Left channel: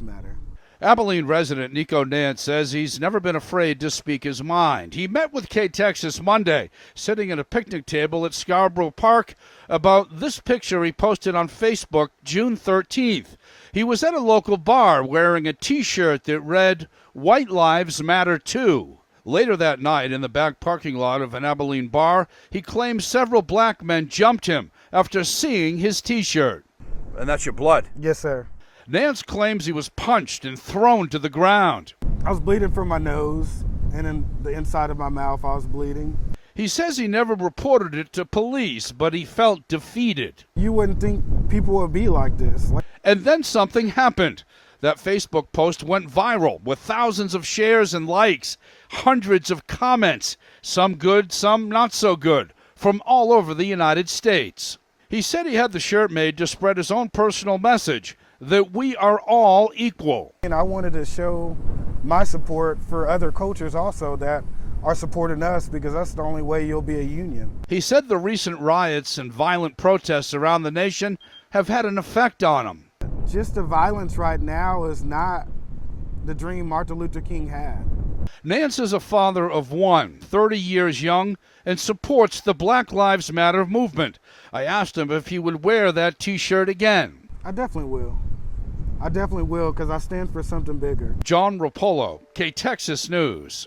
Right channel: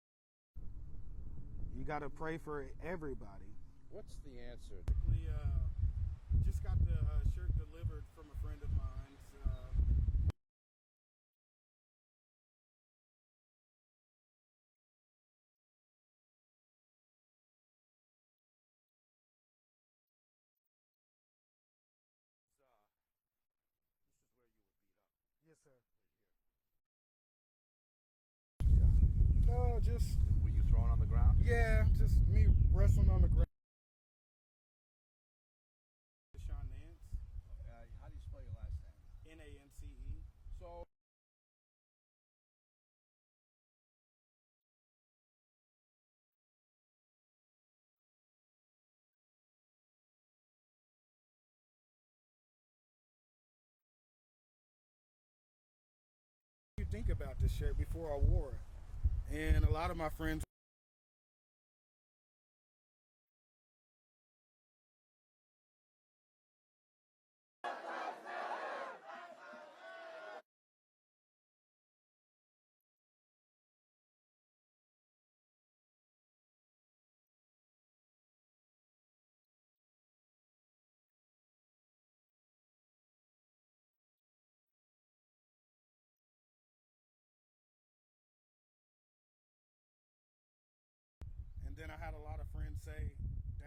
Matter. Abilene resident Nico Nance says he's never been afraid to speak his mind. He met with K-Texas Monday, sitting at a picnic table at Scarborough Park, about this picture he posted on Facebook June 13th. He was at a local bar wearing a T-shirt that read, "White Lives Matter Too." Later that night, in the back parking lot of an Abilene bar, he claims several black men jumped him after seeing his T-shirt. And that's your blood? Yes, sir. Nance claims he was punched and thrown to the ground. I was bleeding from my nose, and in the inside of my mouth I was bleeding. He says he never reported it to police, but he felt defeated. You wouldn't think people would be like this. And then something happened. That Facebook post went viral with thousands of shares and likes, hundreds of comments, some good, some not so good, from all over the United States. He said he had the shirt made to spread his own personal message, that we are all equal. And I wanted to show my support for other cultures also that are supporting us, because that's the only way you'll be a union. He said the recent riots and violent protests around the nation have had an effect on him. Just the violence right now is not the dream Martin Luther King had. Nance is a father of one, 30 years young, and supports the Black Lives Matter movement. I asked him if he would wear that T-shirt again. I definitely will. I definitely will, because I stand for something bigger. John Rapolo, K-Texas News.